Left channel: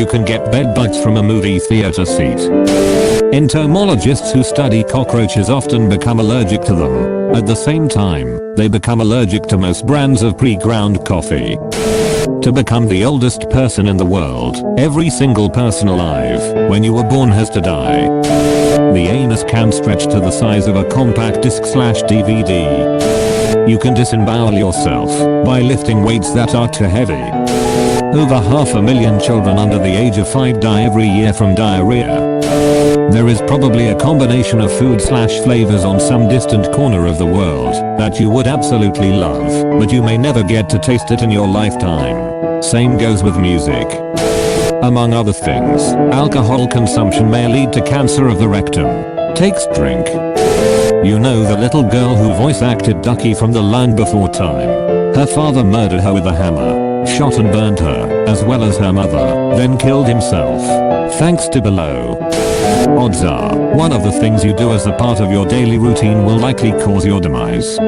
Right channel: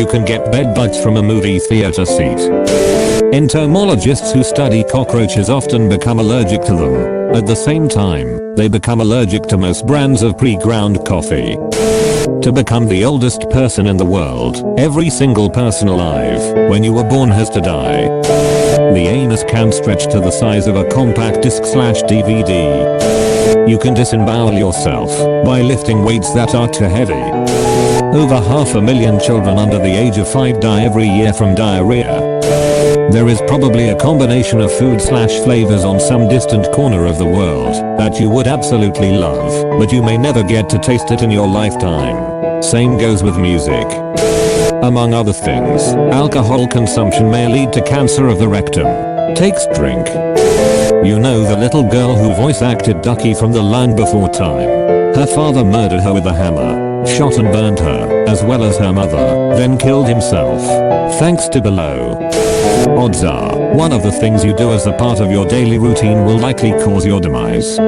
You can get bed bugs from a movie theater seat. Entomologists who study cockroaches often become allergic to them. At the same time, they become allergic to most brands of pre-ground coffee. To become the oldest person in the world, every single person alive when you were born has to die. The anus can stretch to the size of a compact disc/DVD. You can disembowel yourself by lifting weights that are too heavy. Over 500,000 children under the age of 5 die every year from diarrhea. There is probably a combination of food/flavors on some distant corner of the world that you would absolutely love, but you may never get to taste it in your lifetime. Same goes with music. Among other things, alcohol consumption may lead to cancer of the rectum. Takes drink. You know the little girl who voice acted Ducky from The Land Before Time. Her father murdered her with a hammer, shot and burned her, as well as her mother, then killed himself. Thanks to below. Odds are, one of the things you do as a part of your daily routine will likely cause your demise.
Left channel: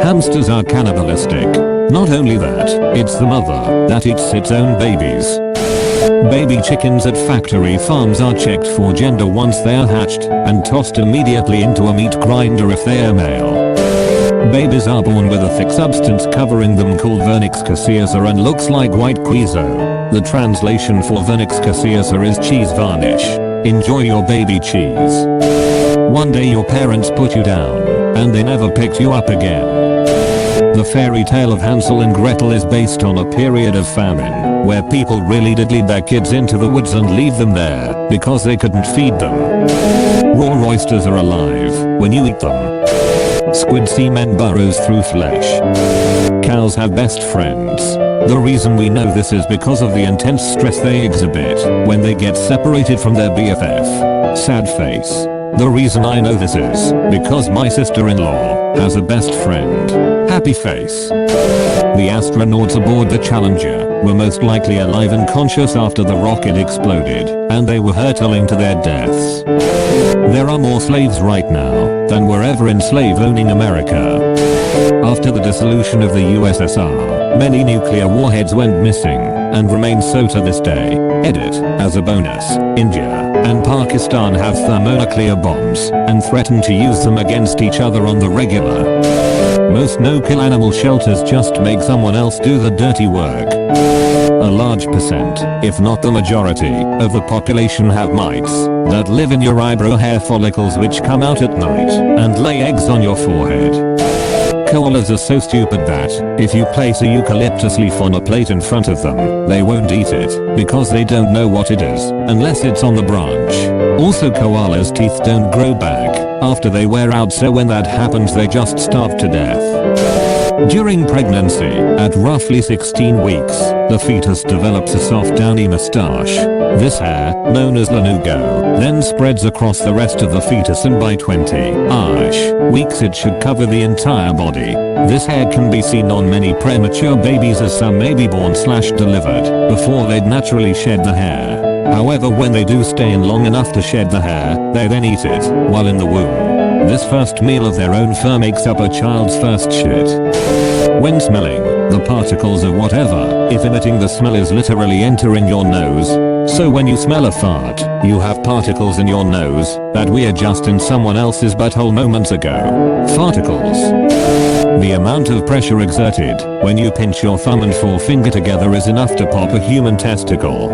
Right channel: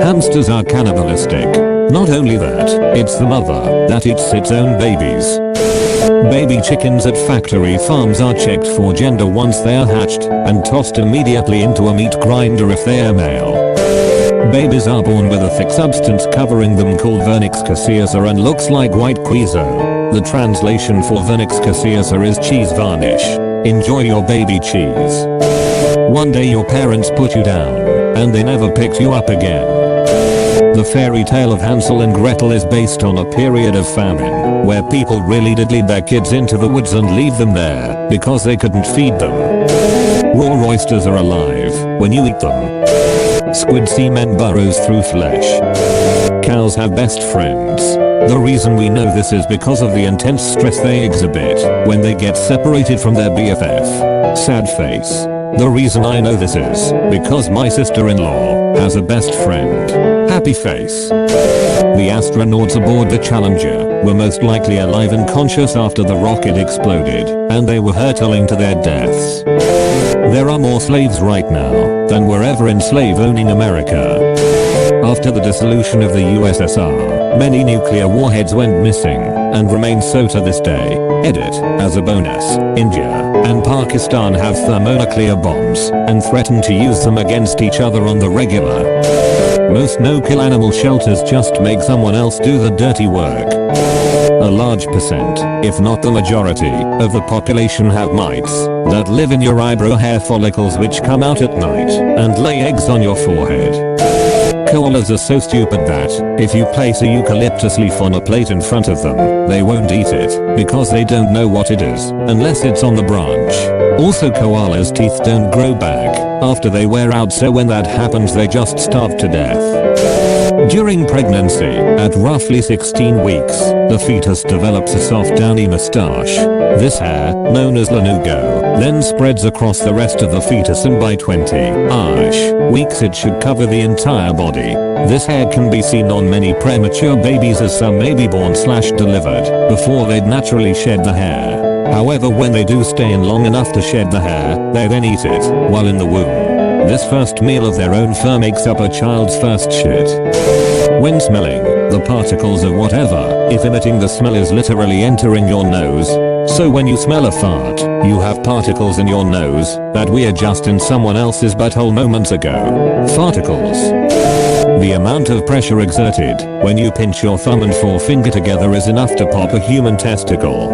Hamsters are cannibalistic. Not only that, it's the mother that eats its own babies. Baby chickens at factory farms are checked for gender once they are hatched and tossed immediately into a meat grinder if they are male. Babies are born with a thick substance covering them called vernix caseosa and looks like white quizo. The translation for vernix caseosa is cheese varnish. Enjoy your baby cheese. One day your parents put you down and they never picked you up again. The fairy tale of Hansel and Gretel is based on a period of famine where people really did lead their kids into the woods and leave them there because they couldn't feed them. Raw oysters are alive when you eat them. Squid semen burrows through flesh. Cows have best friends. The reason we know this is because of the intense stress they exhibit when they get separated from their BFF. Sad face. The reason I know this is because my sister-in-law has a best friend. Happy face. The astronauts aboard the Challenger were most likely alive and conscious after the rocket exploded, and they were hurtling to their deaths. There are more slaves right now than were ever in slave-owning America. After the dissolution of the USSR, many nuclear warheads went missing and remain so to this day. Edit. As a bonus, India and Pakistan have thermonuclear bombs and threaten to use them against each other on the regular. Most no-kill animal shelters just make someone else do the dirty work. A large percent, if not the majority, of the population have mites that live in your eyebrow hair follicles which come out at night and lay eggs on your forehead. Koalas are so stupid that, if you place a eucalyptus leaf on a plate in front of them, they won't eat it, because they don't know what it is, unless it's on the branch. Also koalas' teeth don't grow back after they wear out, so when that happens they just starve to death. During pregnancy, at roughly 16 weeks, the fetus develops a soft downy mustache. This hair, known as lanugo, then spreads across the rest of the fetus, and by 20-ish weeks it should cover the entire body. This hair can be seen on many premature babies, as some may be born/delivered before they'd naturally shed the hair. However, when they do stay in long enough to shed the hair, they then eat it while in the womb. This first meal of their own fur makes up a child's first shit. When smelling, the particles of whatever, if emitting the smell, is literally entering your nose. So when you smell a fart, you have particles in your nose that were just in someone else's butthole moments ago. Farticles. The amount of pressure exerted when you pinch your thumb and forefinger together is enough to pop a human testicle.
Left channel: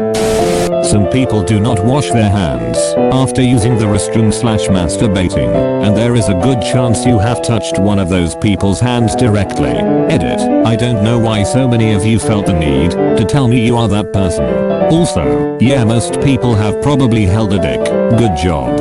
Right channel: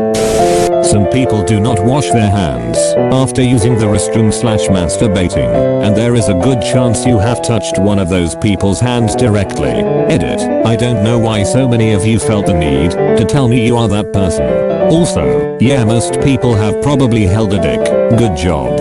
Some people do not wash their hands after using the restroom/masturbating, and there is a good chance you have touched one of those people's hands directly. Edit. I don't know why so many of you felt the need to tell me you are that person. Also, yeah, most people have probably held a dick. Good job.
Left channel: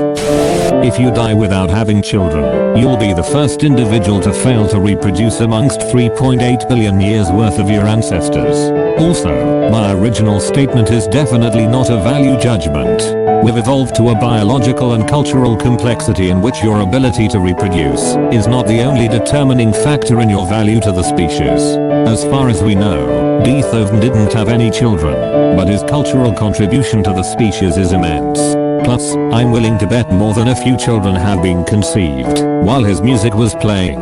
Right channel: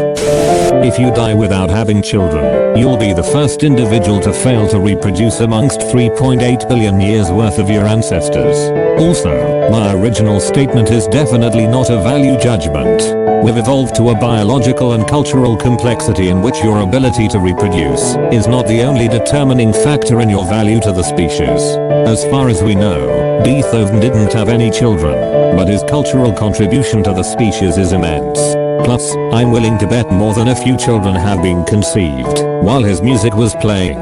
If you die without having children, you'll be the first individual to fail to reproduce amongst 3.8 billion years worth of your ancestors. Also, my original statement is definitely not a value judgment. We've evolved to a biological and cultural complexity in which your ability to reproduce is not the only determining factor in your value to the species. As far as we know, Beethoven didn't have any children, but his cultural contribution to the species is immense. Plus, I'm willing to bet more than a few children have been conceived while his music was playing.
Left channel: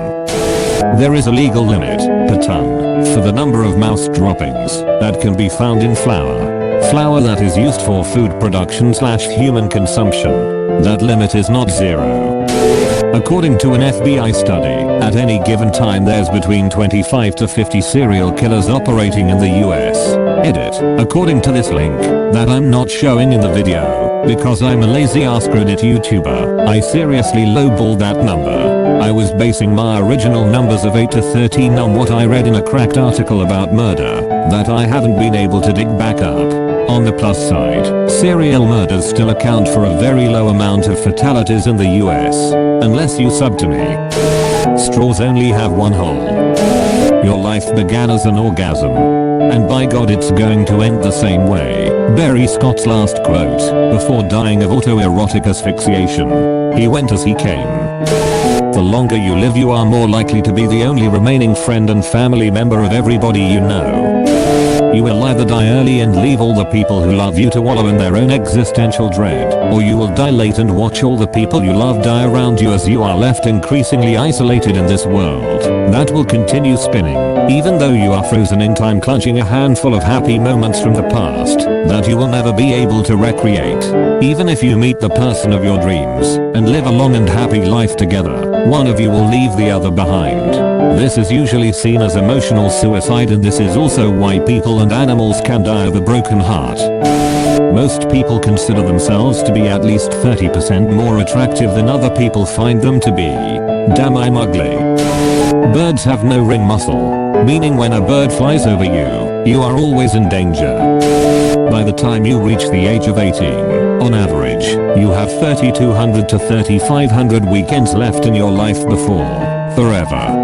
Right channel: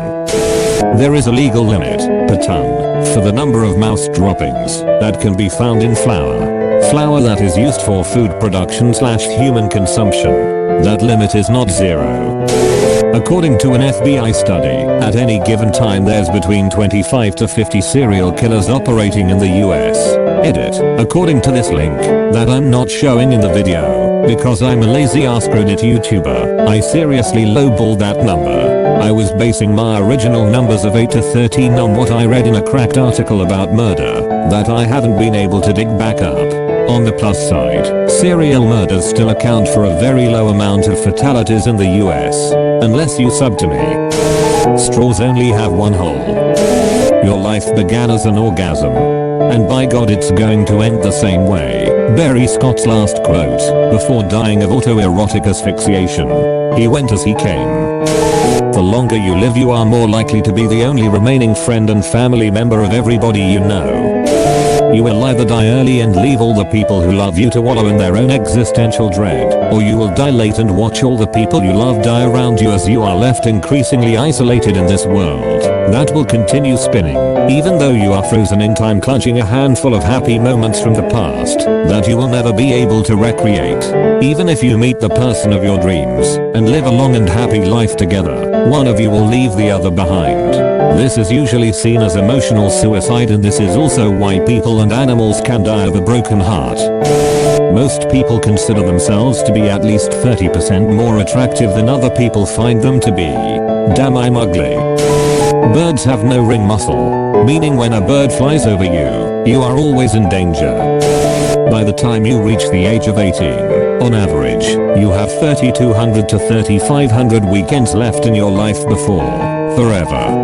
There is a legal limit, per ton, for the number of mouse droppings that can be found in flour. Flour that is used for food production / human consumption. That limit is not zero. According to an FBI study, at any given time there's between 25 to 50 serial killers operating in the US. Edit. According to this link, that I'm not showing in the video, because I'm a lazy ass credit YouTuber, I seriously lowballed that number. I was basing my original numbers of 8 to 13 on what I read in a cracked article about murder, that I haven't been able to dig back up. On the plus side, serial murders still account for a very low amount of fatalities in the US. Unless you sub to me. Straws only have one hole. Your life began as an orgasm. And by God it's going to end the same way. Barry Scott's last quote, before dying of autoerotic asphyxiation. He went as he came. The longer you live you are more likely to be the only remaining friend and family member of everybody you know. You will either die early and leave all the people who love you to wallow in their own existential dread, or you will die late and watch all the people you love die around you as you are left increasingly isolated in this world that will continue spinning, even though you are frozen in time clutching a handful of happy moments from the past that you will never be able to recreate. Even if you meet the person of your dreams and live a long and happy life together, one of you will leave the other behind. This is usually seen as emotional suicide, and this is also why people and animals can die of a broken heart. Most people consider themselves to be at least 30% more attractive than other people find them to be. Damn, I'm ugly. Birds have no ring muscle, meaning when a bird flies over you, you are always in danger. By the time you reach the age of 18, on average, you have 3,200 to 3,500 weekends left in your life before forever.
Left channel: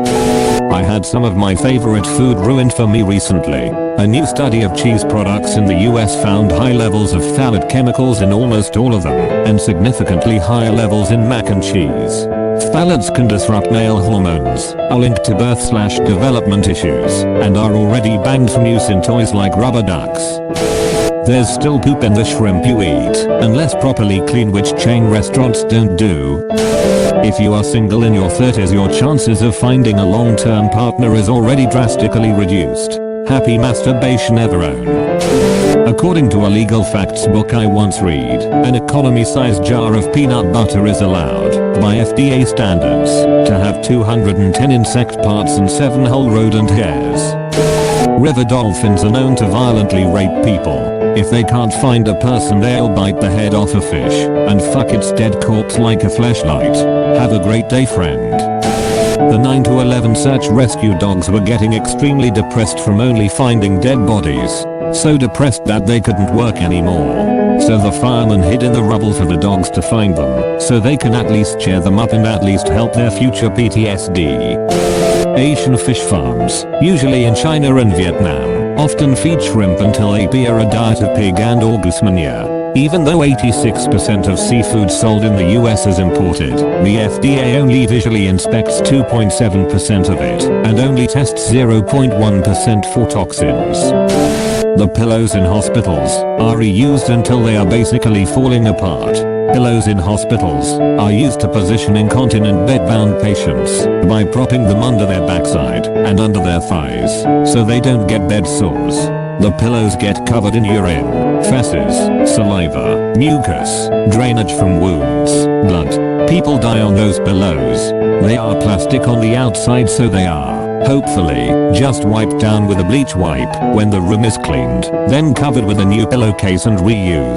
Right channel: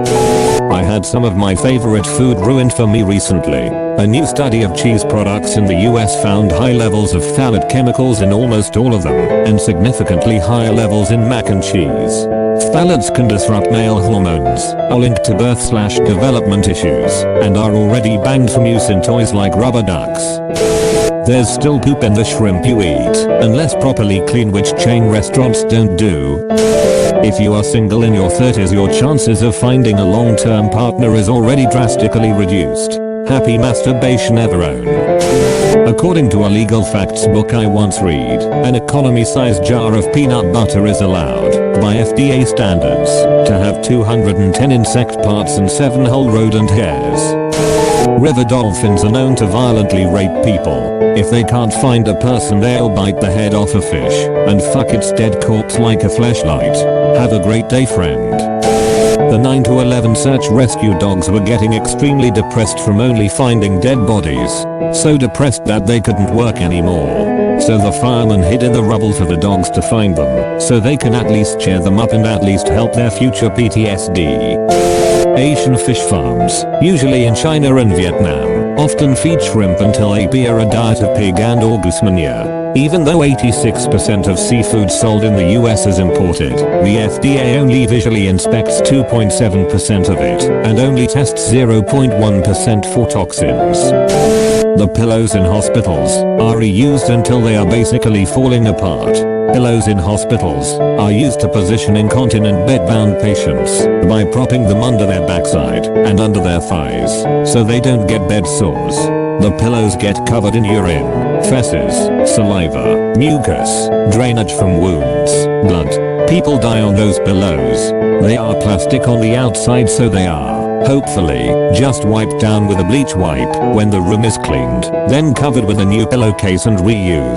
I had some of my favorite food ruined for me recently. A new study of cheese products in the US found high levels of phthalate chemicals in almost all of them, and significantly higher levels in mac and cheese. Phthalates can disrupt male hormones, are linked to birth/development issues, and are already banned from use in toys like rubber ducks. There's still poop in the shrimp you eat, unless properly clean, which chain restaurants don't do. If you are single in your 30s, your chances of finding a long-term partner is already drastically reduced. Happy masturbation, Everone. According to a legal facts book I once read, an economy-sized jar of peanut butter is allowed, by FDA standards, to have 210 insect parts and 7 whole rodent hairs. River dolphins are known to violently rape people. If they can't find a person, they'll bite the head off a fish and fuck its dead corpse like a fleshlight. Have a great day, friend. The 9 to 11 search rescue dogs were getting extremely depressed from only finding dead bodies. So depressed that they couldn't work anymore. So the firemen hid in the rubble for the dogs to find them, so they can at least cheer them up and at least help their future PTSD. Asian fish farms, usually in China and Vietnam, often feed shrimp until they are a diet of pig and or goose manure. Even though 86% of seafood sold in the US is imported, the FDA only visually inspects 2.7% of it and only tests 0.1% for toxins. The pillows in hospitals are reused until they are basically falling apart. Pillows in hospitals are used to position incontinent bedbound patients by propping them under their backside and under their thighs so they don't get bed sores. The pillows get covered in urine, feces, saliva, mucus, drainage from wounds, blood. People die on those pillows. They are plastic on the outside, so they are, hopefully, just wiped down with a bleach wipe when the room is cleaned, then covered with a new pillowcase and reused.